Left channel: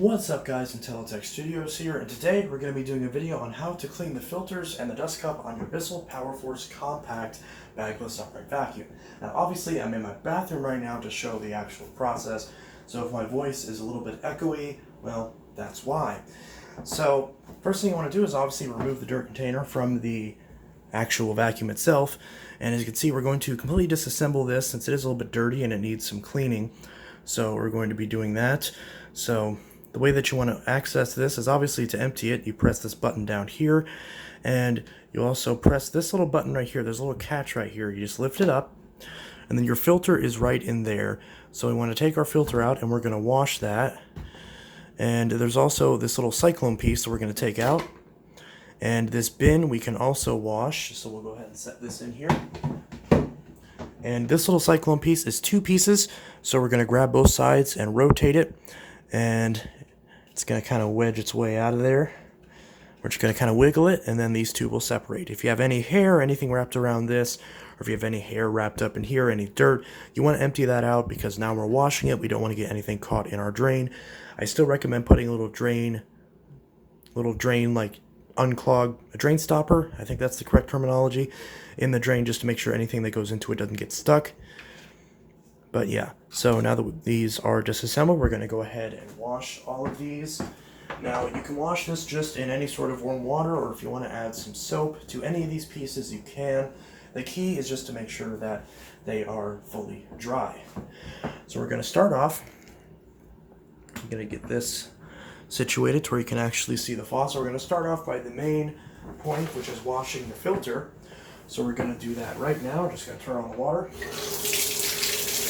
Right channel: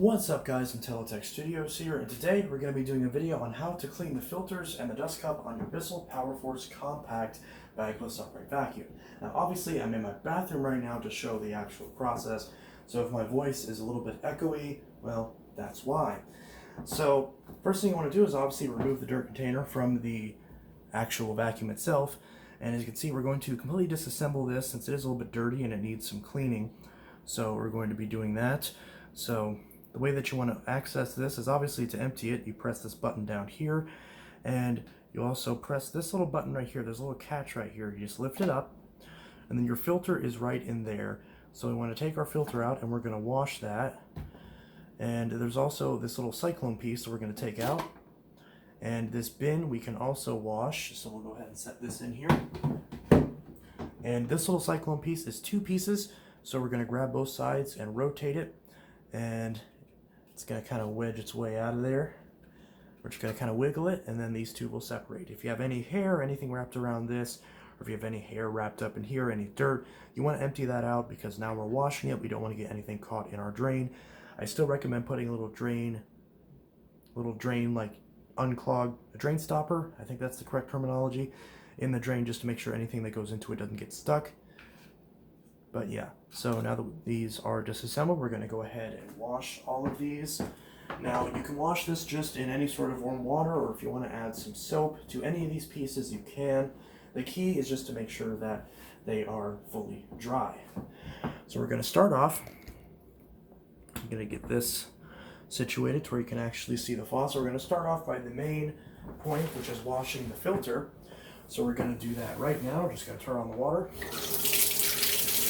What's up guys, Intelitech Studios here, and today we're going to be doing a video on how to clean the filters and the dust cup on your Bissell PowerForce compact bagless upright vacuum. Now obviously I'm in my bathroom right now to show the actual process, so if my voice is a little bit echoey, well, that's why. So first thing you want to do is obviously remove the dirt container from the actual vacuum itself, and as you can see we're going to completely disassemble this since it is a little bit dirty and it needs some cleaning. So we're going to be doing that. So the way that you want to access this is obviously to empty it. You press this button down here, and you also press this little button right here. There's a little catch right here. You just lift it up, and then your filter is right in there. So we want to take our filter out, and we're going to wash that. And there's also this little Cyclone piece that we're going to take out. And this bin we can also wash. So we'll go ahead and set this in here. And this little Cyclone piece is 2 pieces. So we're going to grab both sides and rotate it. And it's going to kind of wedge its way out of there. We're just going to kind of wiggle it, and then these two will separate. If you have any hair or anything wrapped around this, or if you have any hair wrapped up in here, any dirt, you want to empty that out because now we're washing it. We don't want to get anything caught in our drain. I still recommend putting a little drain like unclog, a drain stopper, I think that's the correct terminology, in the drain just to make sure anything that goes into it doesn't get stuck. But yeah, so now that these are disassembled, we're going to go ahead and wash all of these. Now, you can wash this just in any sort of warm water, or if you want to add some soap to any of these pieces, you can. The key is just to make sure that they are fully dry. So we're going to start off. I'm going to get this situated to where you can actually see the faucet. We're going to start off by the main point, which is washing the filter. So we're going to do that right now. We're just going to turn on the water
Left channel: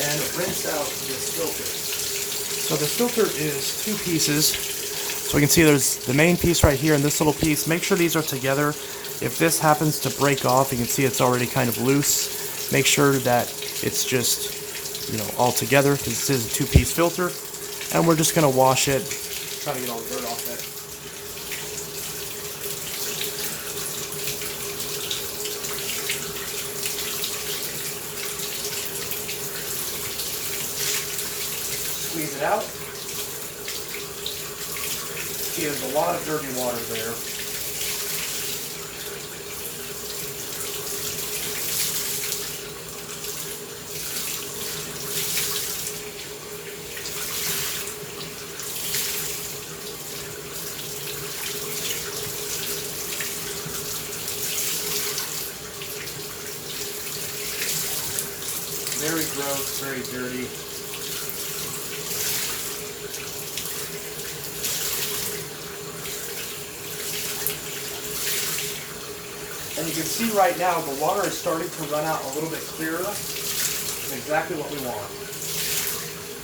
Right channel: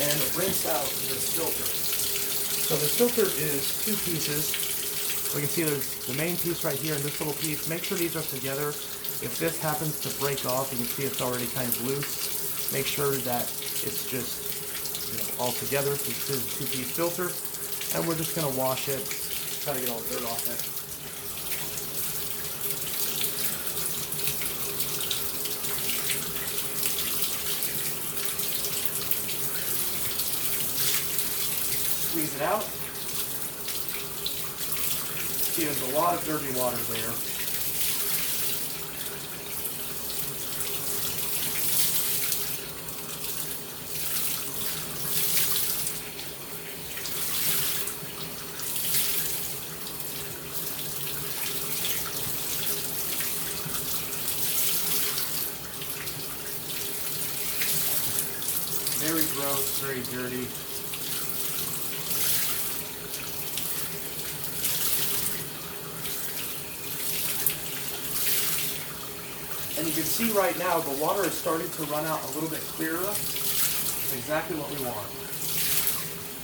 and rinse out this filter. So this filter is 2 pieces. So we can see there's the main piece right here and this little piece. Make sure these are together. If this happens to break off, you can see it's already kind of loose. Make sure that it's just, all together, because this is a 2-piece filter. And we're just going to wash it, try to get all the dirt off it. Squeeze it out. See, there's a lot of dirty water there. Very gross, very dirty. And you can see right now the water is starting to run out a little bit clearer. That's exactly what we want.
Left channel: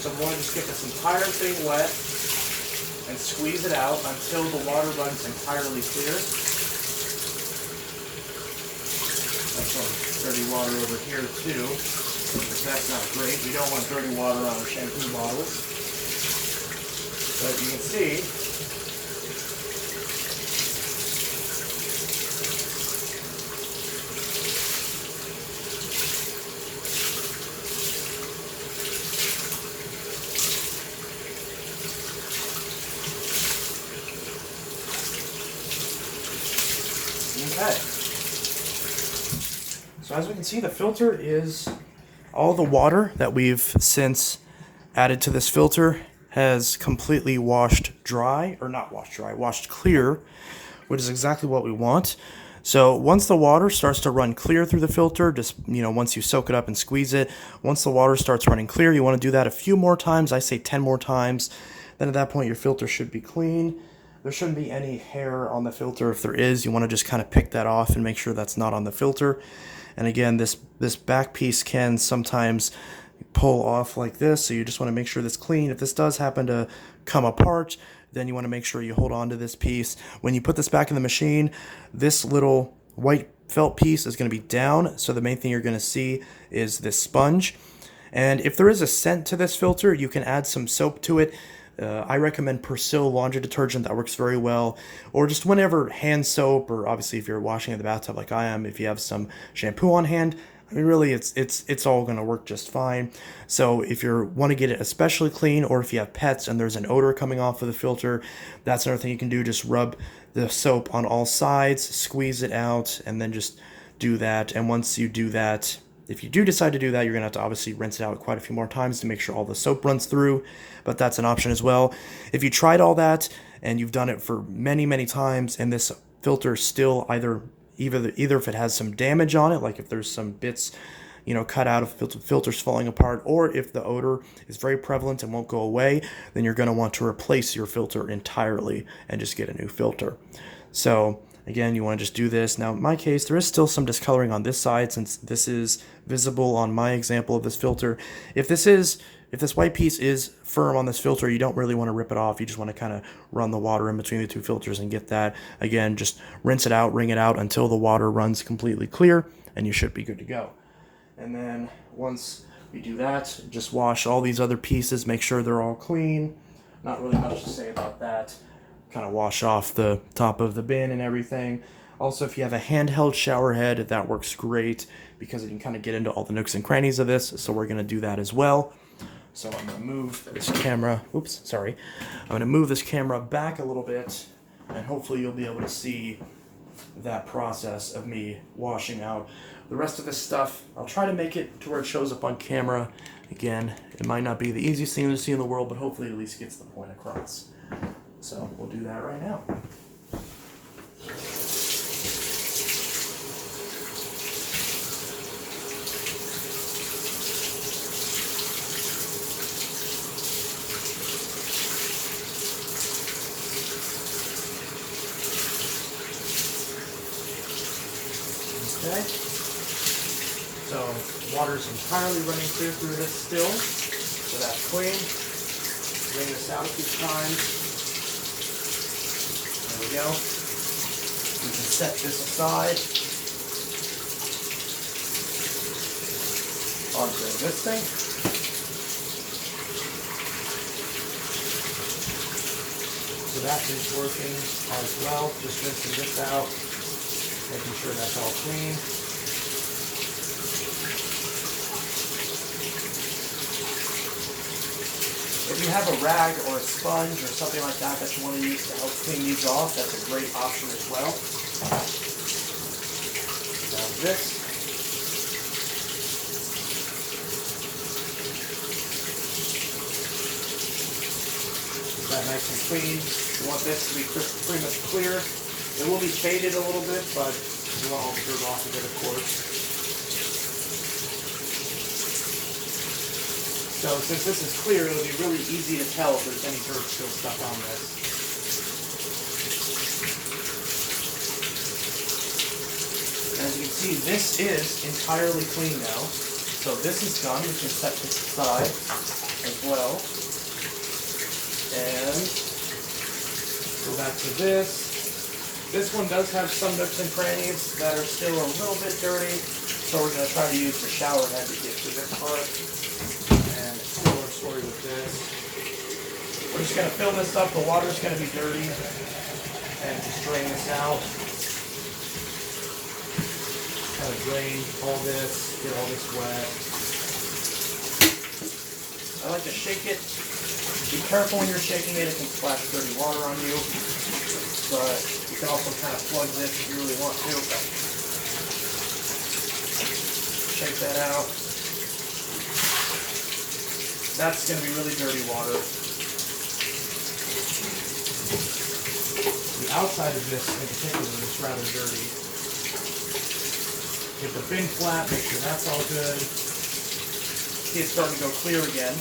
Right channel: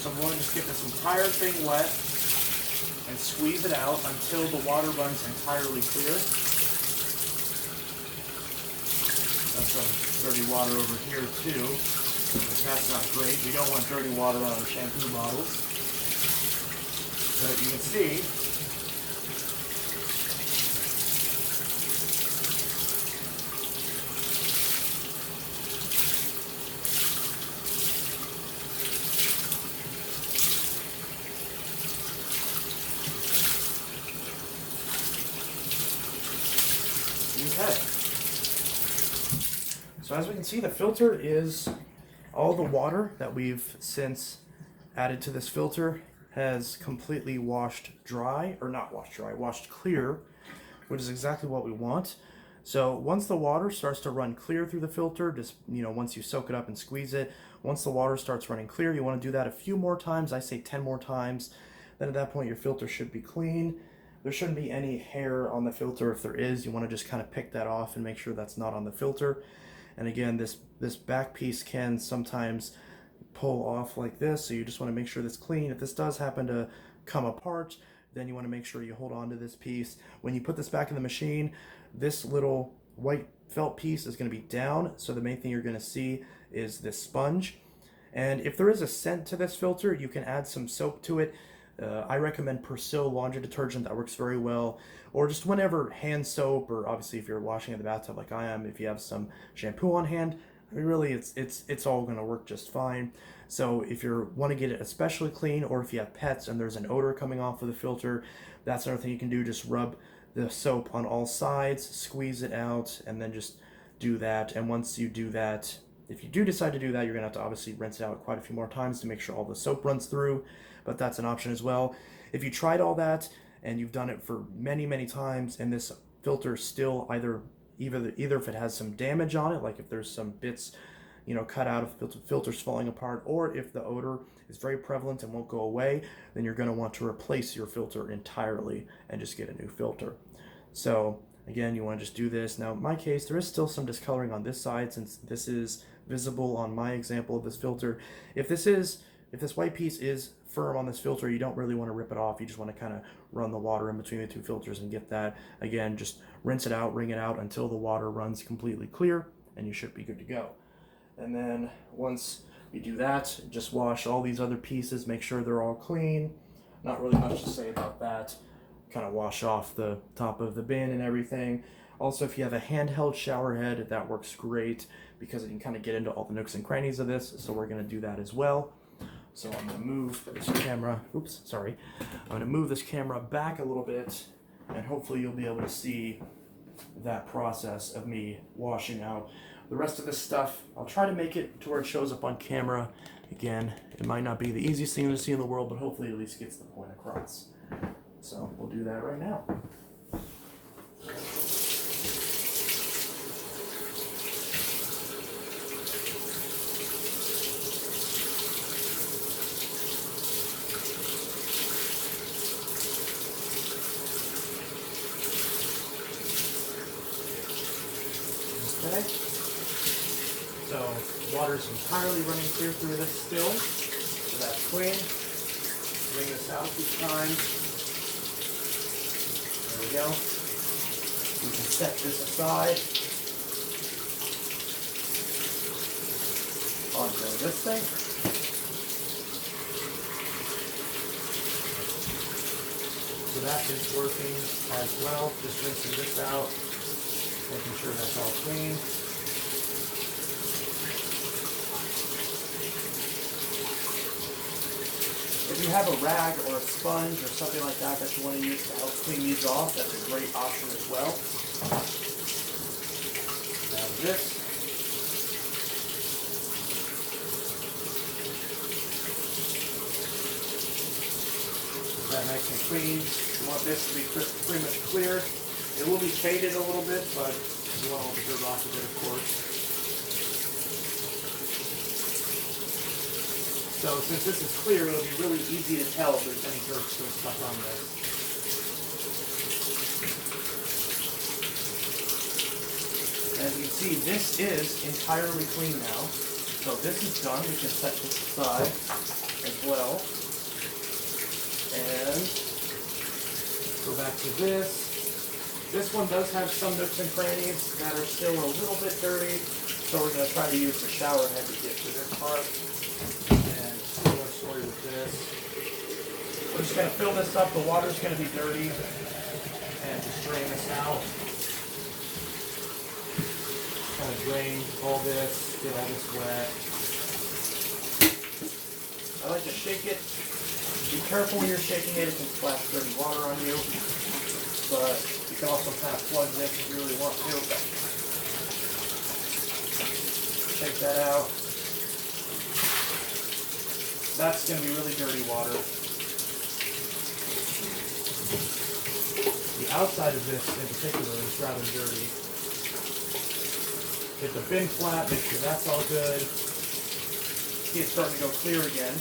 So we're going to just get this entire thing wet and squeeze it out until the water runs entirely clear. That's some dirty water over here too, but that's not great. We don't want dirty water on our shampoo bottles. But you can see okay. So as we can see, the filter is all the water that we've since added to this filter has completely washed dry, or not washed dry, washed clear, which is exactly what we want. So once the water starts to run clear through the filter, just, once you soak it up and squeeze it, once the water starts running clear, you want to do that a few more times. I say 10 more times. Then at that point, your filter should be clean. There shouldn't be any hair on the filter. If there is, you want to just kind of pick that off and make sure that's not on the filter. And again, this back piece can sometimes pull off like this, so you just want to make sure that's clean. If this does happen to come apart, then you want to make sure you hold on to this piece. When you put this back in the machine, this little white felt piece is going to be down, so the main thing you're going to see is this sponge. And if there is a scent to this filter, you can add some soap to it. I recommend Bissell laundry detergent. That works very well. Or just whenever hand soap, or obviously if you're washing in the bathtub like I am, if you have some shampoo on hand, I mean, really, it's all going to work just fine. So if you want to get it especially clean, or if you have pets and there's an odor coming off of the filter, that's another thing you can do. Just rub the soap on all sides, squeeze it out, and then just do that. And once you do that, if you do decide to do that, you're going to have to obviously rinse it out quite a few more times to make sure all the soap runs through, but that's an option as well. If you tried all that and you've done it for many, many times and this filter still either if it has some damage on it, like if there's some bits, cut out of filters falling apart, or if the odor is very prevalent and won't go away, then you're going to want to replace your filter entirely and just get a new filter. So again, you want to just do this. Now in my case, there is still some discoloring on this side since this is visible on my example of this filter. If this white piece is firm on this filter, you don't really want to rip it off. You just want to kind of run the water in between the two filters and get that. Again, just rinse it out, wring it out until the water runs completely clear, and you should be good to go. And then once we do that, just wash all these other pieces, make sure they're all clean. Not really much to say about that. Kind of wash off the top of the bin and everything. Also, if you have a handheld shower head, that works great because it can kind of get into all the nooks and crannies of this. So we're going to do that as well. So I'm going to move this camera, I'm going to move this camera back a little bit, and hopefully you'll be able to see that process of me washing out the rest of this stuff. I'll try to make it to where it shows up on camera. Again, it might not be the easiest thing to see in the world, but hopefully it at least gets the point across. So we'll do that right now. Okay, so water's entirely running clear through this still, so that's clean. Wring this out a few times. There we go. We can set this aside onto this thing. So that is working as well. Just rinsing this out, making sure that's all clean. If you have a rag or a sponge or something like that that you want to use to help clean these off, that's a great option as well. Now this. That nice and clean. You want this to be pretty much clear. It will be faded a little bit, but you want all the dirt off of it, of course. So since this is clear, it'll be really easy to tell if there's any dirt still stuck on this. As you can see, this is entirely clean now. So this is done. We can set this aside as well. And go back to this. This one does have some nooks and crannies that are still a little bit dirty. So we're going to try to use the shower head to get to this part. And similar story with this. We're just going to fill this up. The water's going to be dirty. And just drain this out. Kind of drain all this, get all this wet. I like to shake it. Be careful when you're shaking it. It can splash dirty water on you. But you can also kind of plug this if you really want to. Shake that out. That's going to be really dirty water. The outside of this in particular is rather dirty. Get the bin flat, make sure that's all good. See, it's starting to go clear again.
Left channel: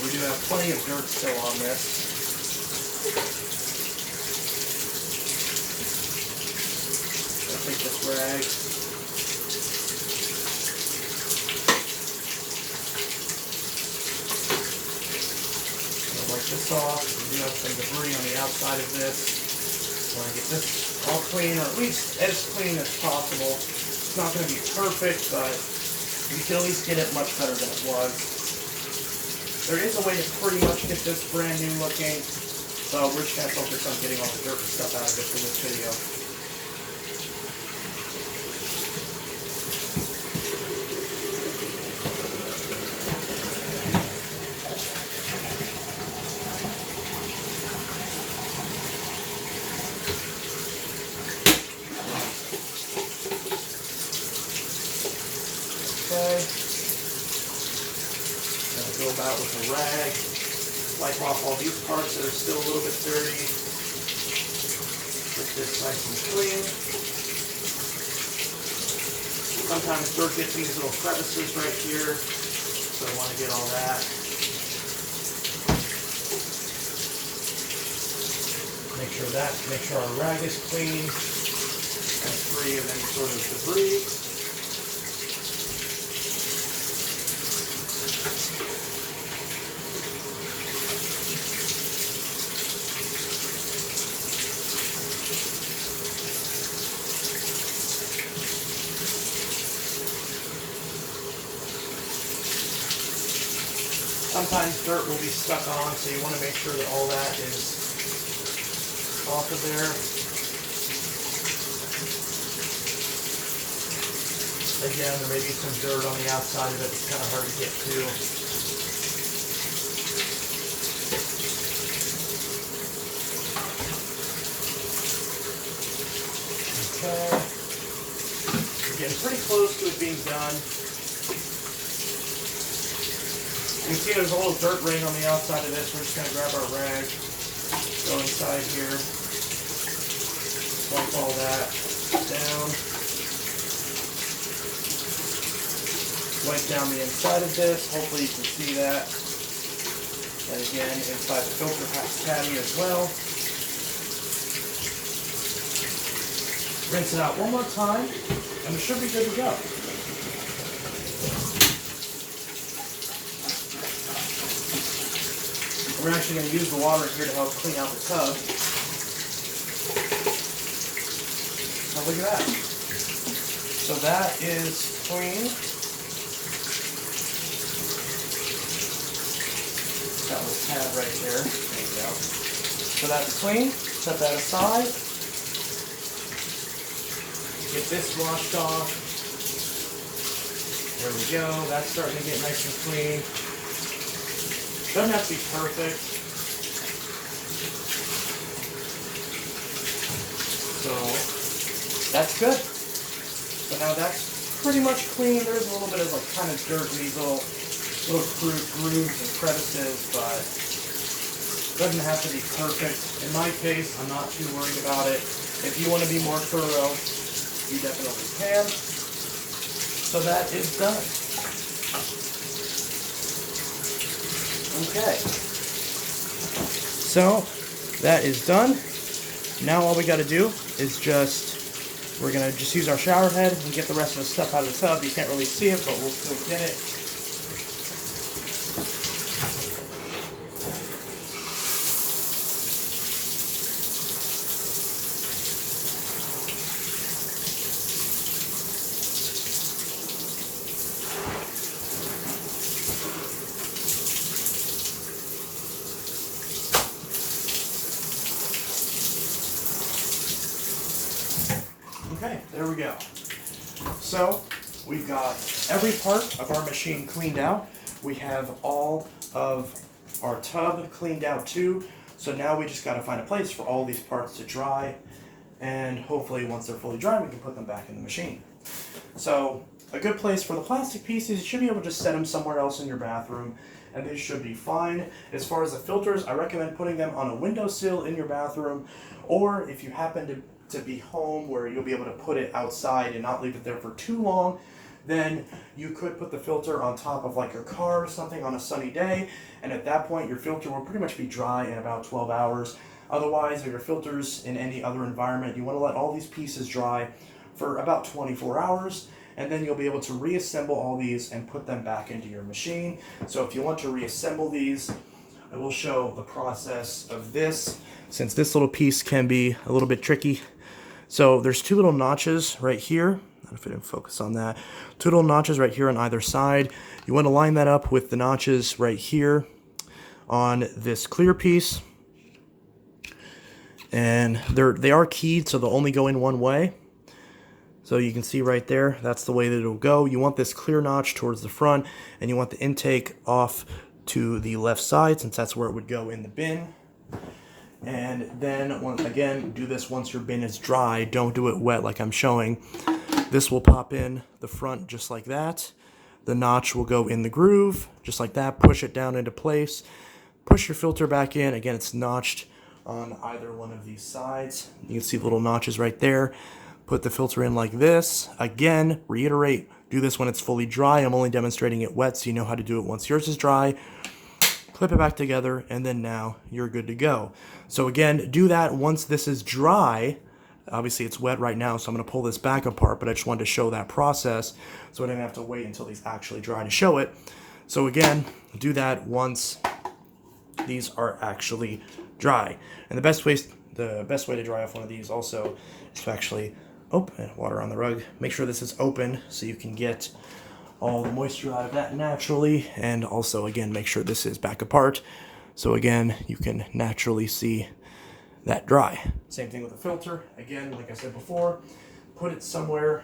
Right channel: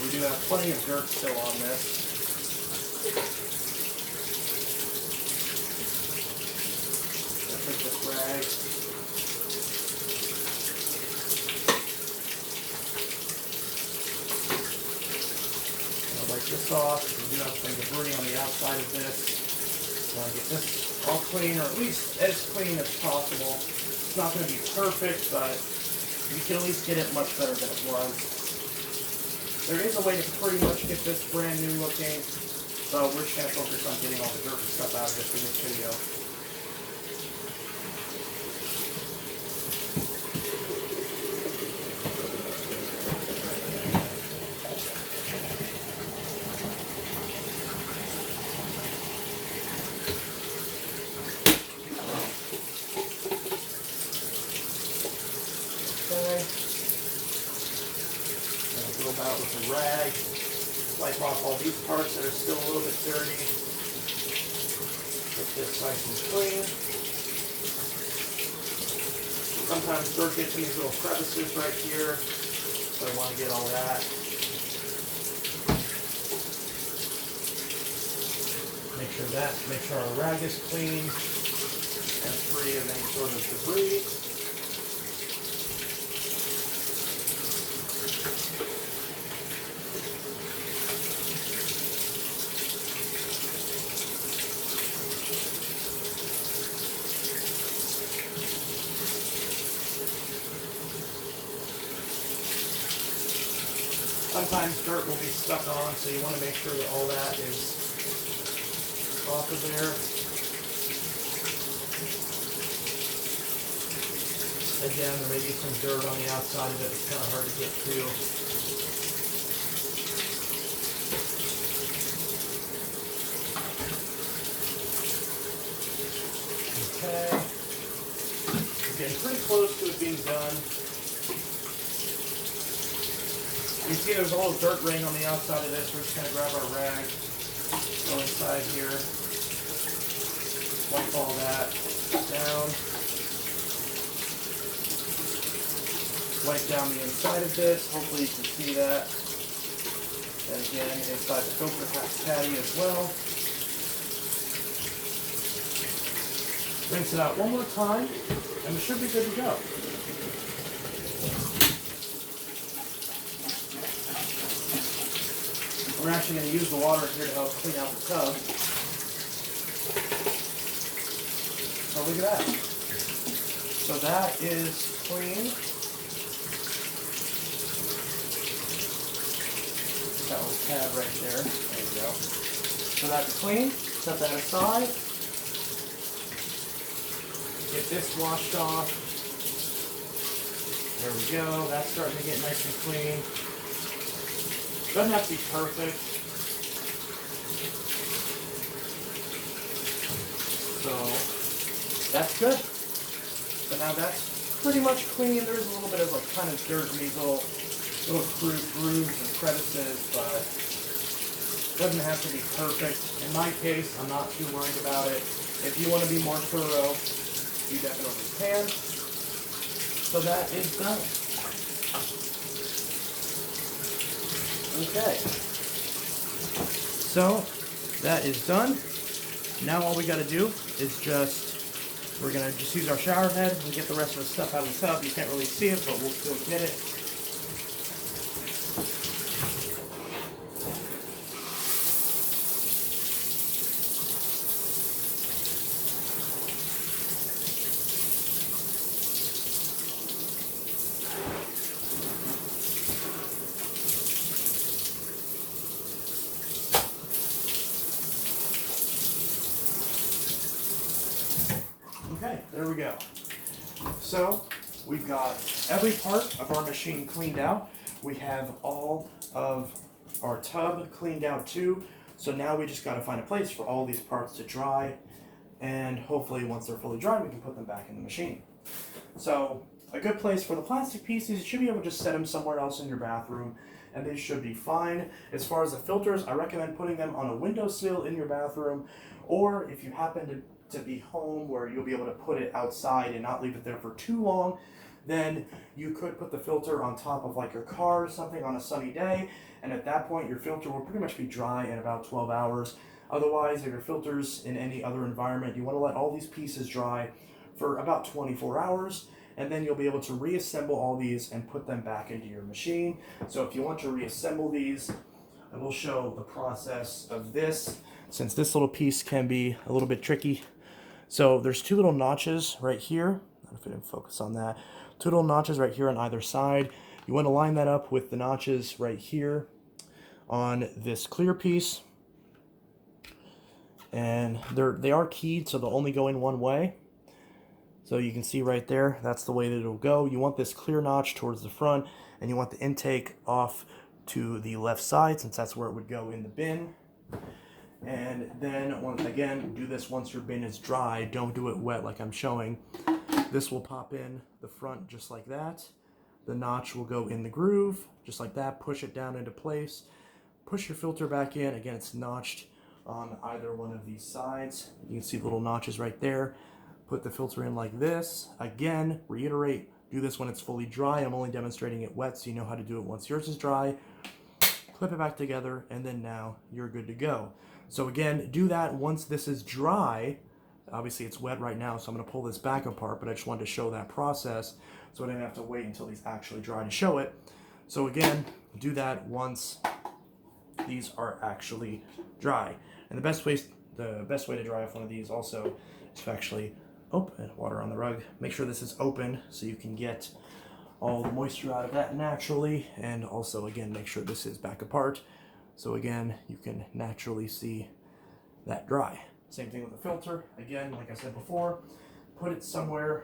We do have plenty of dirt still on this. I'll take this rag. I'll wipe this off. We do have some debris on the outside of this. Want to get this all clean, or at least as clean as possible. It's not going to be perfect, but you can at least get it much better than it was. There is a way to pretty much get this brand new looking, so we're just going to focus on getting all the dirt and stuff out of it for this video. go about with a rag, wipe off all these parts that are still a little bit dirty. Get this nice and clean. Sometimes dirt gets in these little crevices right here, so I want to get all that. Make sure our rag is clean and free of any sort of debris. Sometimes dirt will be stuck on, so you want to make sure that all that is off of there. Again, there may be some dirt on the outside of it. It's kind of hard to get to. Okay. We're getting pretty close to it being done. You can see there's a little dirt ring on the outside of this. We're just going to grab our rag, go inside here, wipe all that down, wipe down the inside of this. Hopefully you can see that. And again, inside the filter caddy as well. Rinse it out one more time, and we should be good to go. We're actually going to use the water here to help clean out the tub. So look at that. So that is clean. That was a tab right there. There you go. So that's clean. Set that aside. Get this washed off. There we go. That's starting to get nice and clean. Doesn't have to be perfect. So that's good. So now that's pretty much clean. There's a little bit of like kind of dirt in these little grooves and crevices, but it doesn't have to be perfect. In my case, I'm not too worried about it. If you want to be more thorough, you definitely can. So that is done. Okay, so that is done. Now all we got to do is we're going to just use our shower head and get the rest of the stuff out of the tub. You can't really see it, but we'll still get it. Okay, there we go. So we've got every part of our machine cleaned out. We have all of our tub cleaned out too. So now we just got to find a place for all these parts to dry, and hopefully once they're fully dry we can put them back in the machine. So a good place for the plastic pieces, you should be able to just set them somewhere else in your bathroom and they should be fine. As far as the filters, I recommend putting them on a windowsill in your bathroom, or if you happen to be home where you'll be able to put it outside and not leave it there for too long, then you could put the filter on top of like your car or something on a sunny day, and at that point your filter will pretty much be dry in about 12 hours. Otherwise, your filters in any other environment, you want to let all these pieces dry for about 24 hours, and then you'll be able to reassemble all these and put them back into your machine. So if you want to reassemble these, I will show the process of this, since this little piece can be a little bit tricky. So there's two little notches right here. I don't know if I didn't focus on that. Two little notches right here on either side. You want to line that up with the notches right here on this clear piece. And they are keyed, so they'll only go in one way. So you can see right there, that's the way that it'll go. You want this clear notch towards the front, and you want the intake off to the left side, since that's where it would go in the bin. And then, again, do this once your bin is dry. Don't do it wet like I'm showing. This will pop in the front just like that. the notch will go in the groove, just like that. Push it down into place. Push your filter back in. Again, it's notched on either one of these sides. You can see the little notches right there. Put the filter in like this. Again, reiterate, do this when it's fully dry. I'm only demonstrating it wet so you know how to do it once yours is dry. Clip it back together, and then now you're good to go. So again, do that once this is dry. Obviously it's wet right now, so I'm gonna pull this back apart, but I just wanted to show that process so I didn't have to wait until these actually dry to show it. So again, do that once these are actually dry. And the best way to dry off one of these also is to actually open water on the rug. Make sure this is open so you can get all the moisture out of that naturally, and also again make sure this is back apart so again you can naturally see that dry. Same thing with the filter. Again, like I said before, put it somewhere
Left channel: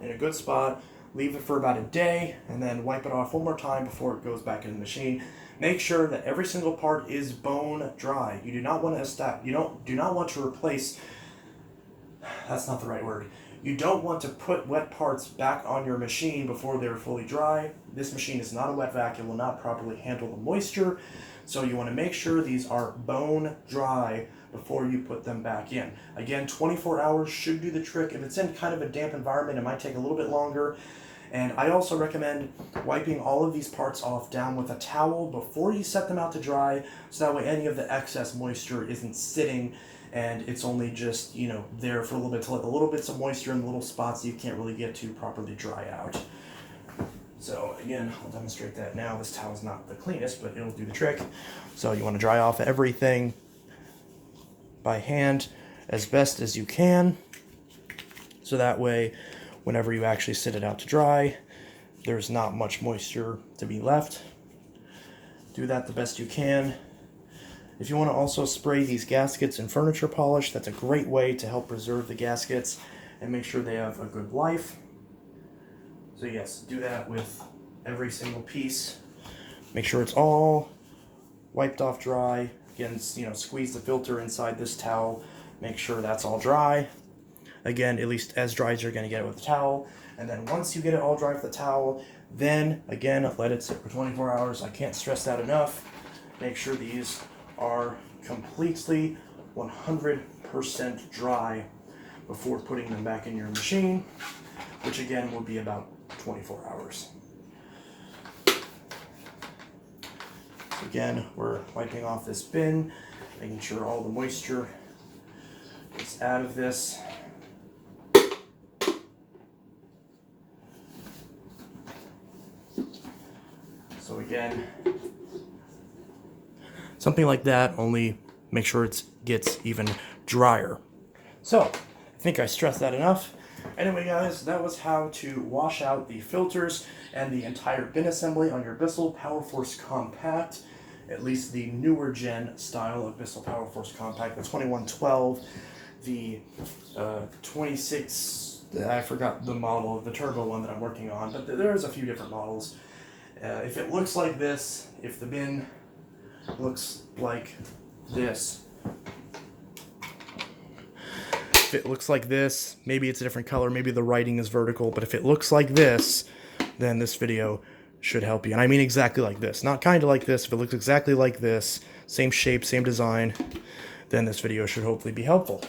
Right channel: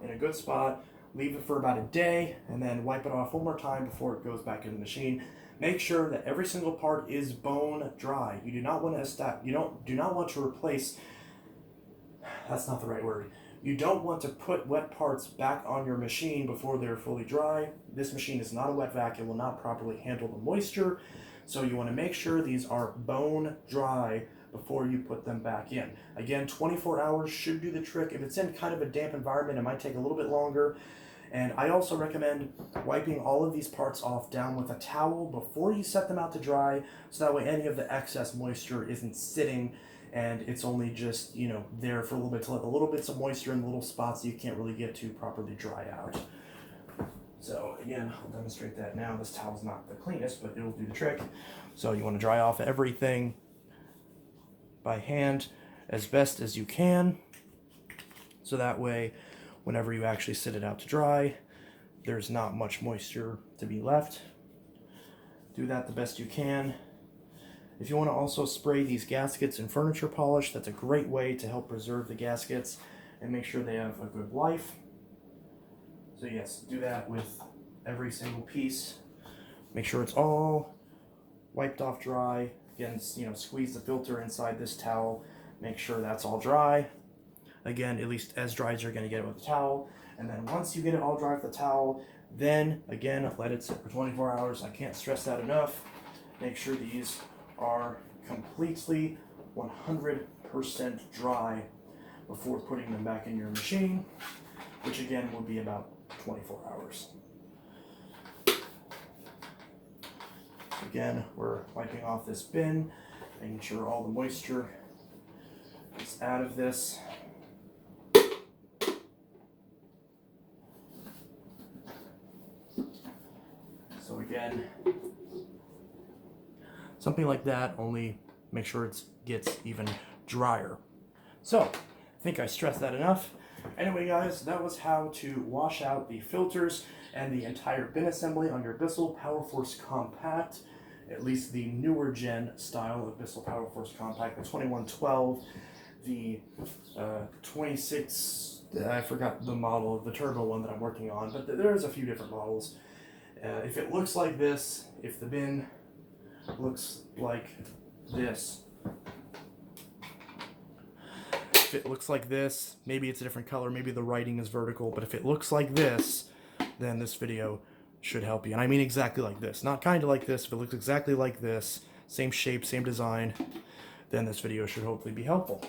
in a good spot, leave it for about a day, and then wipe it off one more time before it goes back in the machine. Make sure that every single part is bone dry. You do not want to do not want to replace, that's not the right word. You don't want to put wet parts back on your machine before they're fully dry. This machine is not a wet vac. It will not properly handle the moisture. So you want to make sure these are bone dry before you put them back in. Again, 24 hours should do the trick. If it's in kind of a damp environment, it might take a little bit longer. And I also recommend wiping all of these parts off down with a towel before you set them out to dry, so that way any of the excess moisture isn't sitting and it's only just, you know, there for a little bit to let the little bits of moisture in the little spots that you can't really get to properly dry out. So again, I'll demonstrate that now. This towel's not the cleanest, but it'll do the trick. So you want to dry off everything by hand as best as you can, so that way whenever you actually sit it out to dry, there's not much moisture to be left. Do that the best you can. If you want to also spray these gaskets in furniture polish, that's a great way to help preserve the gaskets and make sure they have a good life. So yes, do that with every single piece. Make sure it's all wiped off dry. Again, you know, squeeze the filter inside this towel. Make sure that's all dry. Again, at least as dry as you're going to get it with the towel. And then once you get it all dry with the towel, then again, let it sit for 24 hours. I can't stress that enough. Make sure these are completely 100% dry before putting them back in your machine, which again will be about 24 hours. Again, we're wiping off this bin, making sure all the moisture is out of this. So again, something like that, only make sure it gets even drier. So, I think I stressed that enough. Anyway guys, that was how to wash out the filters and the entire bin assembly on your Bissell PowerForce Compact, at least the newer gen style of Bissell PowerForce Compact, the 2112, the 26, I forgot the model of the turbo one that I'm working on, but there's a few different models. If it looks like this, if the bin looks like this, if it looks like this, maybe it's a different color, maybe the writing is vertical, but if it looks like this, then this video should help you. And I mean exactly like this, not kind of like this. If it looks exactly like this, same shape, same design, then this video should hopefully be helpful.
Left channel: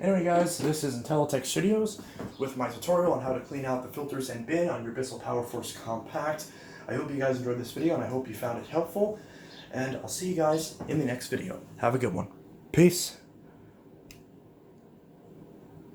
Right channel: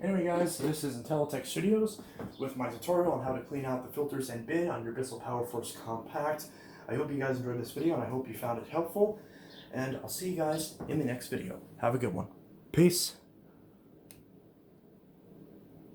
Anyway guys, this is Intellitech Studios with my tutorial on how to clean out the filters and bin on your Bissell PowerForce Compact. I hope you guys enjoyed this video and I hope you found it helpful. And I'll see you guys in the next video. Have a good one. Peace.